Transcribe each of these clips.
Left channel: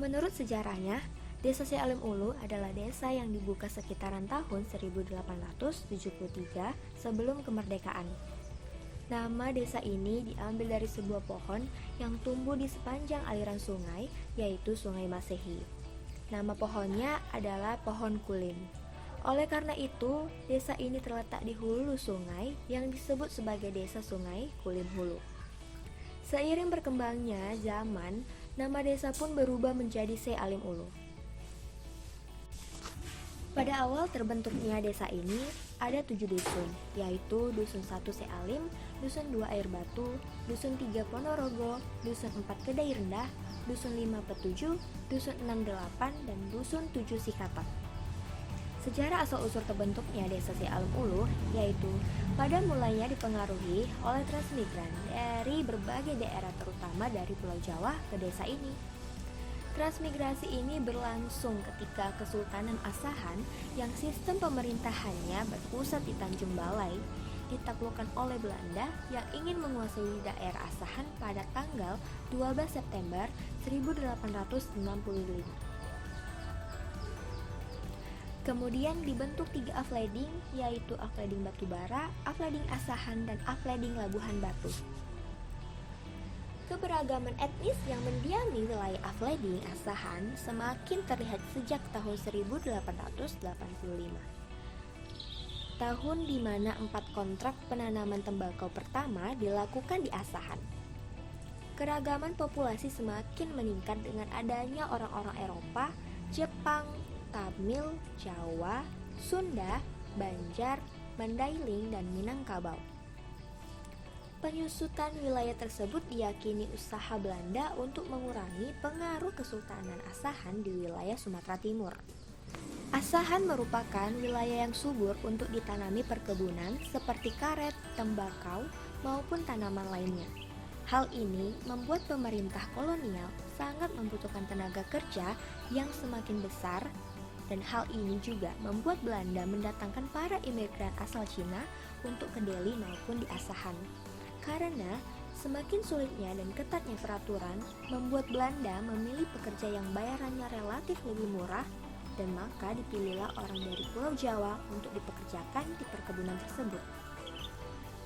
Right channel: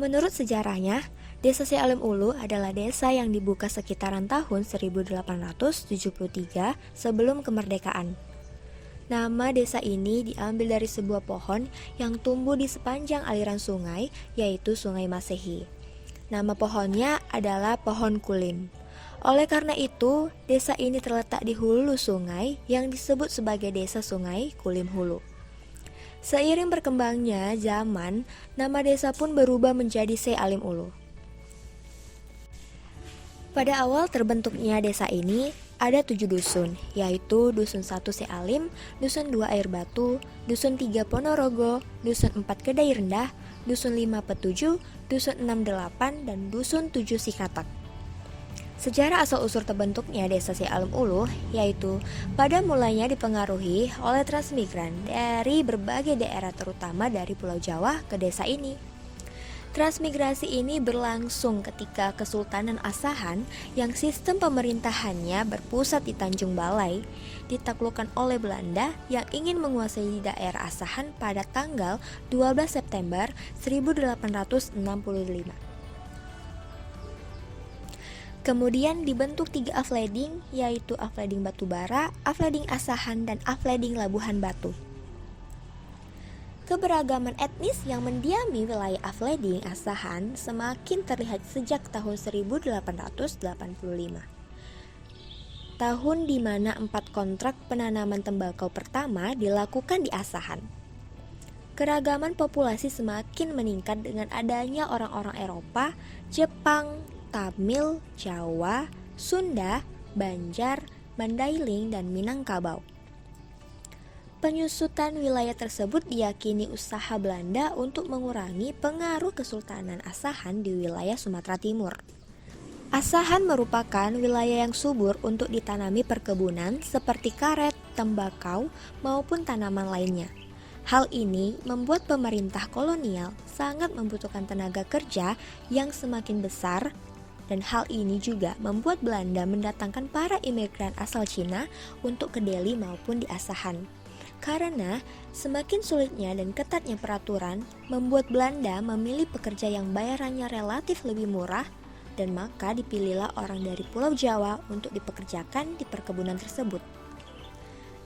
Menurut sejarahnya, Desa Sealim Ulu adalah desa yang dibuka sekitaran tahun 1873 sebelum kemerdekaan. Nama desa ini diambil dari sebuah pohon yang tumbuh di sepanjang aliran sungai, yaitu Sungai Masehi. Nama pohonnya adalah pohon kulim. Oleh karena itu, desa ini terletak di hulu sungai yang disebut sebagai Desa Sungai Kulim Hulu. Seiring berkembangnya zaman, nama desa pun berubah menjadi Sealim Ulu. Pada awal terbentuknya desa ini, ada 7 dusun, yaitu Dusun 1 Sealim, Dusun 2 Air Batu, Dusun 3 Ponorogo, Dusun 4 Kedai Rendah, Dusun 5 Petuju, Dusun 6 Delapan, dan Dusun 7 Sikatak. Sejarah asal-usul terbentuknya desa Sealim Ulu, yaitu pada mulanya dipengaruhi oleh transmigran dari berbagai daerah terutama dari Pulau Jawa ke desa ini. Transmigrasi ini berlangsung ketika Kesultanan Asahan yang sistem pemerintahannya berpusat di Tanjung Balai ditaklukkan oleh Belanda yang ingin menguasai daerah Asahan pada tanggal 12 September 1865. Kemudian dibentuk 3 afleding, yaitu Afleding Batubara, Afleding Asahan, dan Afleding Labuhan Batu. Keberagaman etnis yang mendiami wilayah Afleding Asahan semakin terlihat sejak tahun 1885. Tahun di mana 4 kontrak penanaman tembakau pertama dilakukan di Asahan. Keragaman populasi semakin meningkat dengan adanya orang-orang Eropa, Jepang, Tamil, Jawa, Sunda, Banjar, Mandailing, dan Minangkabau. Penyusutan wilayah tersebut diyakini usaha Belanda untuk mengurangi pengaruh Kesultanan Asahan di wilayah Sumatera Timur. Asahan merupakan wilayah yang subur untuk ditanami perkebunan seperti karet, tembakau, maupun tanaman lainnya. Hal ini membuat pemerintah kolonial sangat membutuhkan tenaga kerja yang semakin besar, dan hal ini juga membuat Belanda mendatangkan para imigran asal Cina untuk ke Delhi maupun di Asahan. Karena semakin sulitnya dan ketatnya peraturan membuat Belanda memilih pekerja yang bayarannya relatif lebih murah, dan maka dipilihlah orang dari Pulau Jawa untuk dipekerjakan di perkebunan tersebut.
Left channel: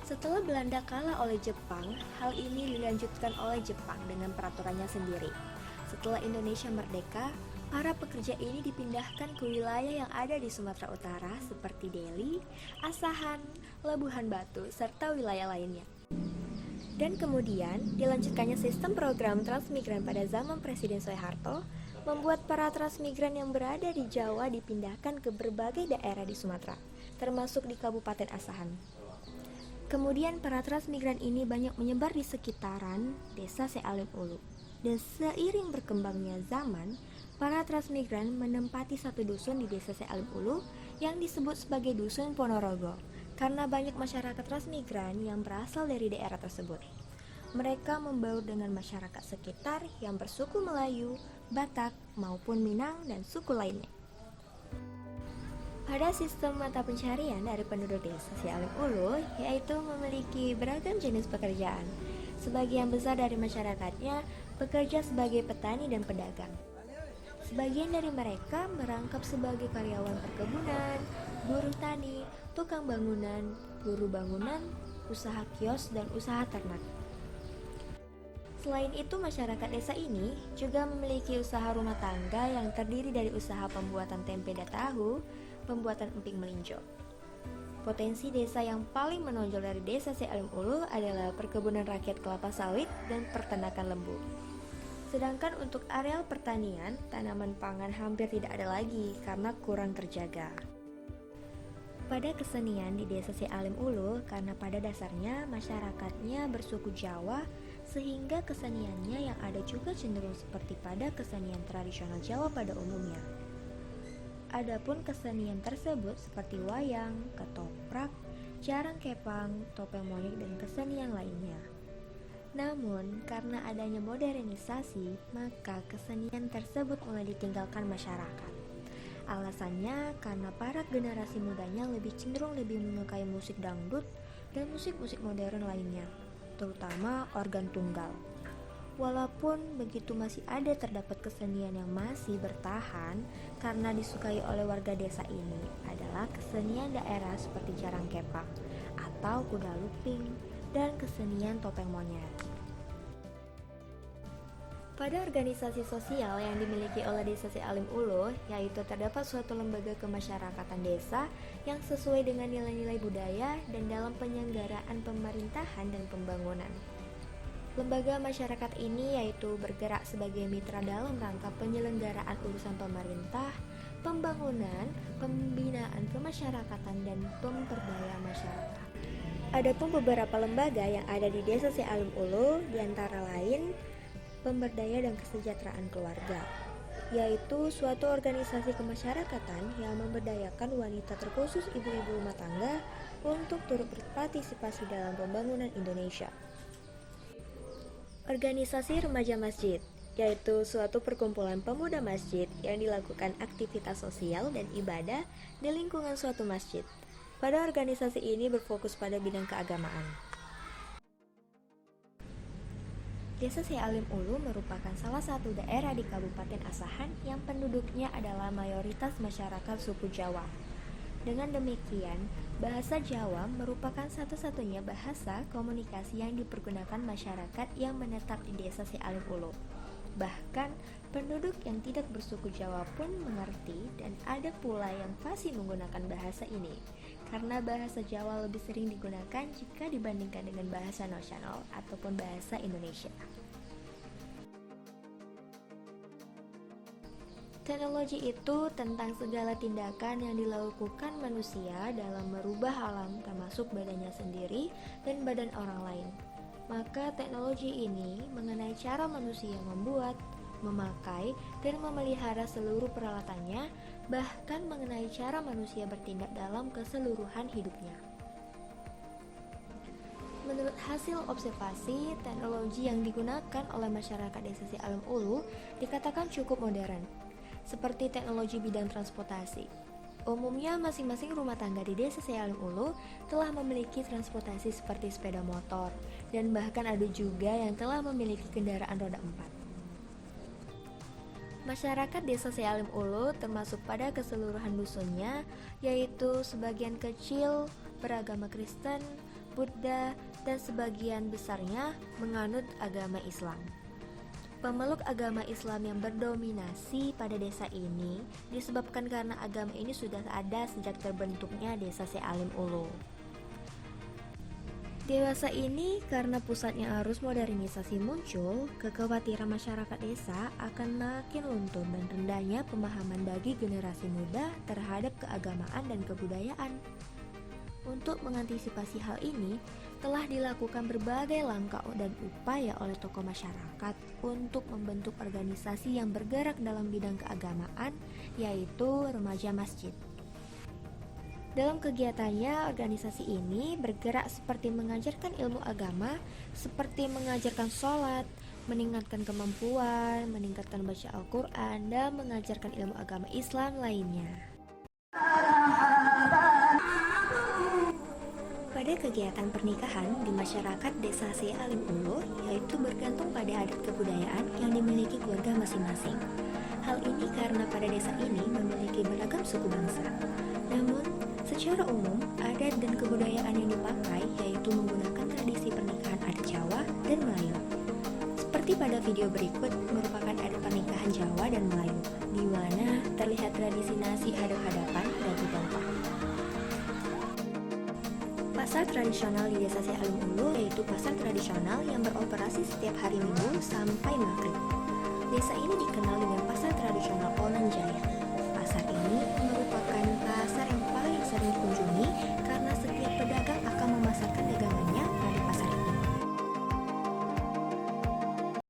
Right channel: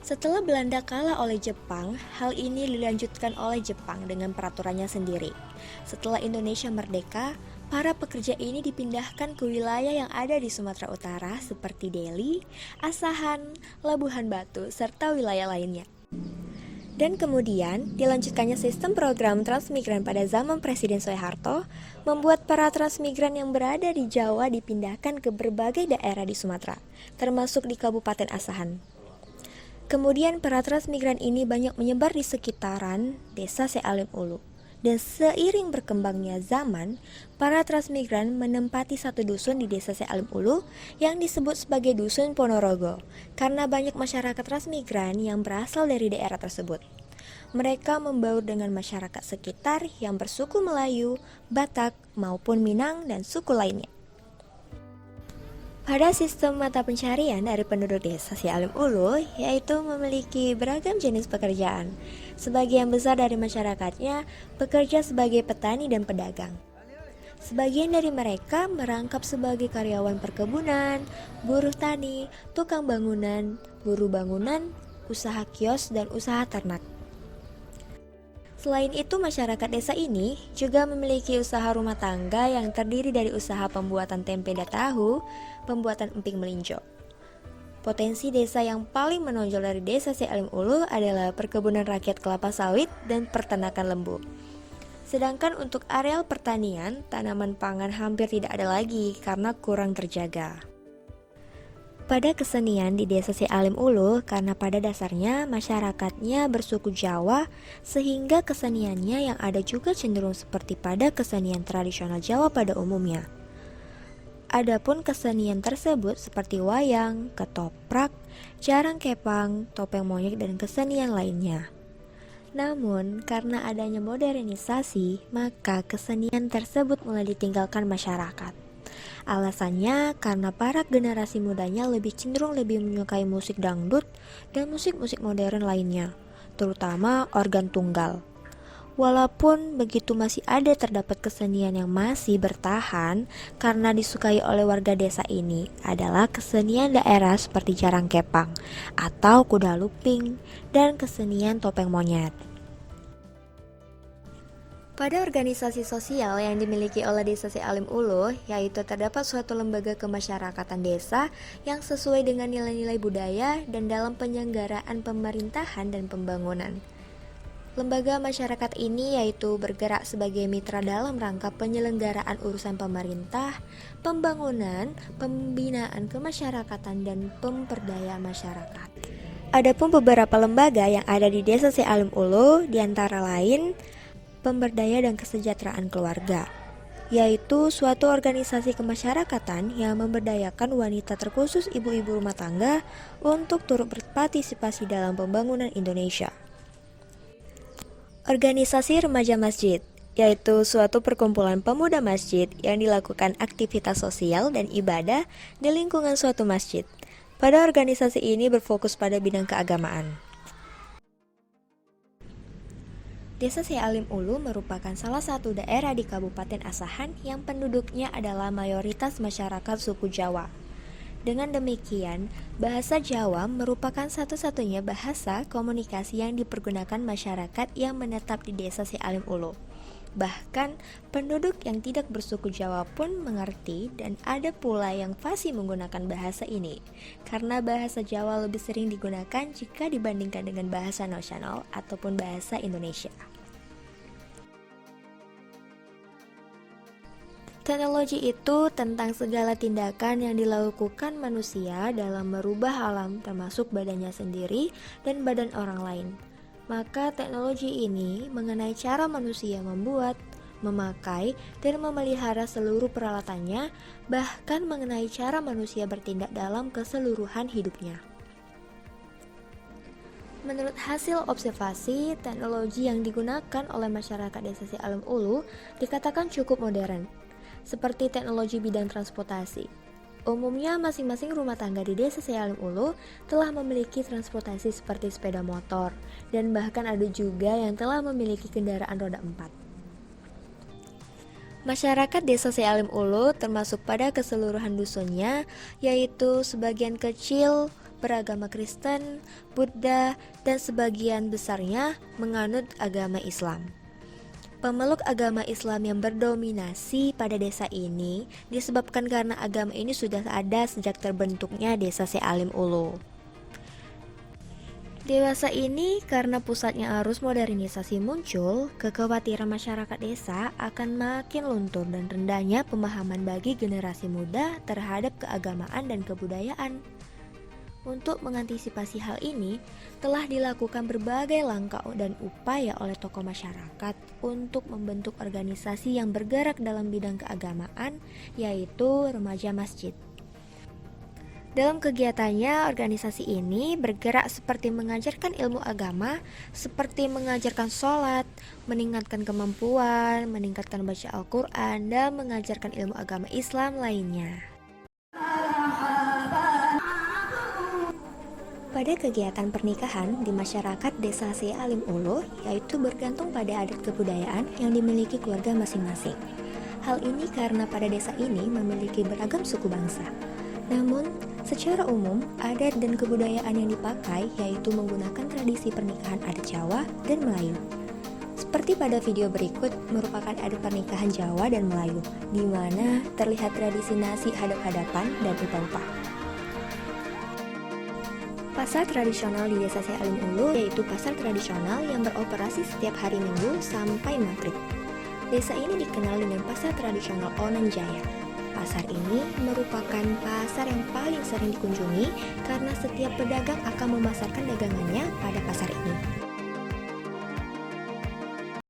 Setelah Belanda kalah oleh Jepang, hal ini dilanjutkan oleh Jepang dengan peraturannya sendiri. Setelah Indonesia merdeka, para pekerja ini dipindahkan ke wilayah yang ada di Sumatera Utara seperti Delhi, Asahan, Labuhan Batu, serta wilayah lainnya. Dan kemudian dilanjutkannya sistem program transmigran pada zaman Presiden Soeharto, membuat para transmigran yang berada di Jawa dipindahkan ke berbagai daerah di Sumatera, termasuk di Kabupaten Asahan. Kemudian para transmigran ini banyak menyebar di sekitaran desa Sealim Ulu. Dan seiring berkembangnya zaman, para transmigran menempati satu dusun di desa Sealim Ulu yang disebut sebagai Dusun Ponorogo, karena banyak masyarakat transmigran yang berasal dari daerah tersebut. Mereka membaur dengan masyarakat sekitar yang bersuku Melayu, Batak, maupun Minang dan suku lainnya. Pada sistem mata pencarian dari penduduk desa Sealim Ulu, yaitu memiliki beragam jenis pekerjaan. Sebagian besar dari masyarakatnya bekerja sebagai petani dan pedagang. Sebagian dari mereka merangkap sebagai karyawan perkebunan, buruh tani, tukang bangunan, buruh bangunan, usaha kios, dan usaha ternak. Selain itu, masyarakat desa ini juga memiliki usaha rumah tangga yang terdiri dari usaha pembuatan tempe dan tahu, pembuatan emping melinjo. Potensi desa yang paling menonjol dari desa Sealim Ulu adalah perkebunan rakyat kelapa sawit dan peternakan lembu. Sedangkan untuk areal pertanian, tanaman pangan hampir tidak ada lagi karena kurang terjaga. Pada kesenian di desa Sealim Ulu, karena pada dasarnya masyarakatnya bersuku Jawa, sehingga keseniannya yang ada juga cenderung seperti pada kesenian tradisional Jawa pada umumnya. Adapun kesenian tersebut seperti wayang, ketoprak, jarang kepang, topeng monyet, dan kesenian lainnya. Namun, karena adanya modernisasi, maka kesenian tersebut mulai ditinggalkan masyarakat. Alasannya karena para generasi mudanya cenderung lebih menyukai musik dangdut dan musik-musik modern lainnya, terutama organ tunggal. Walaupun begitu masih ada terdapat kesenian yang masih bertahan karena disukai oleh warga desa ini adalah kesenian daerah seperti jarang kepang atau kuda lumping dan kesenian topeng monyet. Pada organisasi sosial yang dimiliki oleh Desa Sealim Uluh, yaitu terdapat suatu lembaga kemasyarakatan desa yang sesuai dengan nilai-nilai budaya dan dalam penyelenggaraan pemerintahan dan pembangunan. Lembaga masyarakat ini yaitu bergerak sebagai mitra dalam rangka penyelenggaraan urusan pemerintah, pembangunan, pembinaan kemasyarakatan, dan pemberdayaan masyarakat. Adapun beberapa lembaga yang ada di Desa Sealim Uluh diantara lain pemberdaya dan kesejahteraan keluarga, yaitu suatu organisasi kemasyarakatan yang memberdayakan wanita terkhusus ibu-ibu rumah tangga untuk turut berpartisipasi dalam pembangunan Indonesia. Organisasi remaja masjid, yaitu suatu perkumpulan pemuda masjid yang dilakukan aktivitas sosial dan ibadah di lingkungan suatu masjid. Pada organisasi ini berfokus pada bidang keagamaan. Desa Sealim Uluh merupakan salah satu daerah di Kabupaten Asahan yang penduduknya adalah mayoritas masyarakat suku Jawa. Dengan demikian, bahasa Jawa merupakan satu-satunya bahasa komunikasi yang dipergunakan masyarakat yang menetap di Desa Sealim Uluh. Bahkan, penduduk yang tidak bersuku Jawa pun mengerti dan ada pula yang fasih menggunakan bahasa ini, karena bahasa Jawa lebih sering digunakan jika dibandingkan dengan bahasa nasional ataupun bahasa Indonesia. Teknologi itu tentang segala tindakan yang dilakukan manusia dalam merubah alam termasuk badannya sendiri dan badan orang lain. Maka teknologi ini mengenai cara manusia membuat, memakai, dan memelihara seluruh peralatannya, bahkan mengenai cara manusia bertindak dalam keseluruhan hidupnya. Menurut hasil observasi, teknologi yang digunakan oleh masyarakat Desa Sealim Uluh dikatakan cukup modern, seperti teknologi bidang transportasi. Umumnya masing-masing rumah tangga di Desa Sealim Uluh telah memiliki transportasi seperti sepeda motor, dan bahkan ada juga yang telah memiliki kendaraan roda 4. Masyarakat Desa Sealim Uluh termasuk pada keseluruhan dusunnya, yaitu sebagian kecil beragama Kristen, Buddha, dan sebagian besarnya menganut agama Islam. Pemeluk agama Islam yang berdominasi pada desa ini disebabkan karena agama ini sudah ada sejak terbentuknya Desa Sealim Uluh. Dewasa ini karena pusatnya arus modernisasi muncul, kekhawatiran masyarakat desa akan makin luntur dan rendahnya pemahaman bagi generasi muda terhadap keagamaan dan kebudayaan. Untuk mengantisipasi hal ini, telah dilakukan berbagai langkah dan upaya oleh tokoh masyarakat untuk membentuk organisasi yang bergerak dalam bidang keagamaan, yaitu remaja masjid. Dalam kegiatannya, organisasi ini bergerak seperti mengajarkan ilmu agama, seperti mengajarkan sholat, meningkatkan kemampuan, meningkatkan baca Al-Quran, dan mengajarkan ilmu agama Islam lainnya. Pada kegiatan pernikahan di masyarakat Desa Sealim Uluh, yaitu bergantung pada adat kebudayaan yang dimiliki keluarga masing-masing. Hal ini karena pada desa ini memiliki beragam suku bangsa. Namun, secara umum, adat dan kebudayaan yang dipakai yaitu menggunakan tradisi pernikahan adat Jawa dan Melayu. Seperti pada video berikut merupakan adat pernikahan Jawa dan Melayu, di mana terlihat tradisi nasi hadap-hadapan dan upah-upah. Pasar tradisional di Desa Sealim Uluh yaitu pasar tradisional yang beroperasi setiap hari Minggu sampai Maghrib. Desa ini dikenal dengan pasar tradisional Onan Jaya. Pasar ini merupakan pasar yang paling sering dikunjungi karena setiap pedagang akan memasarkan dagangannya pada pasar ini.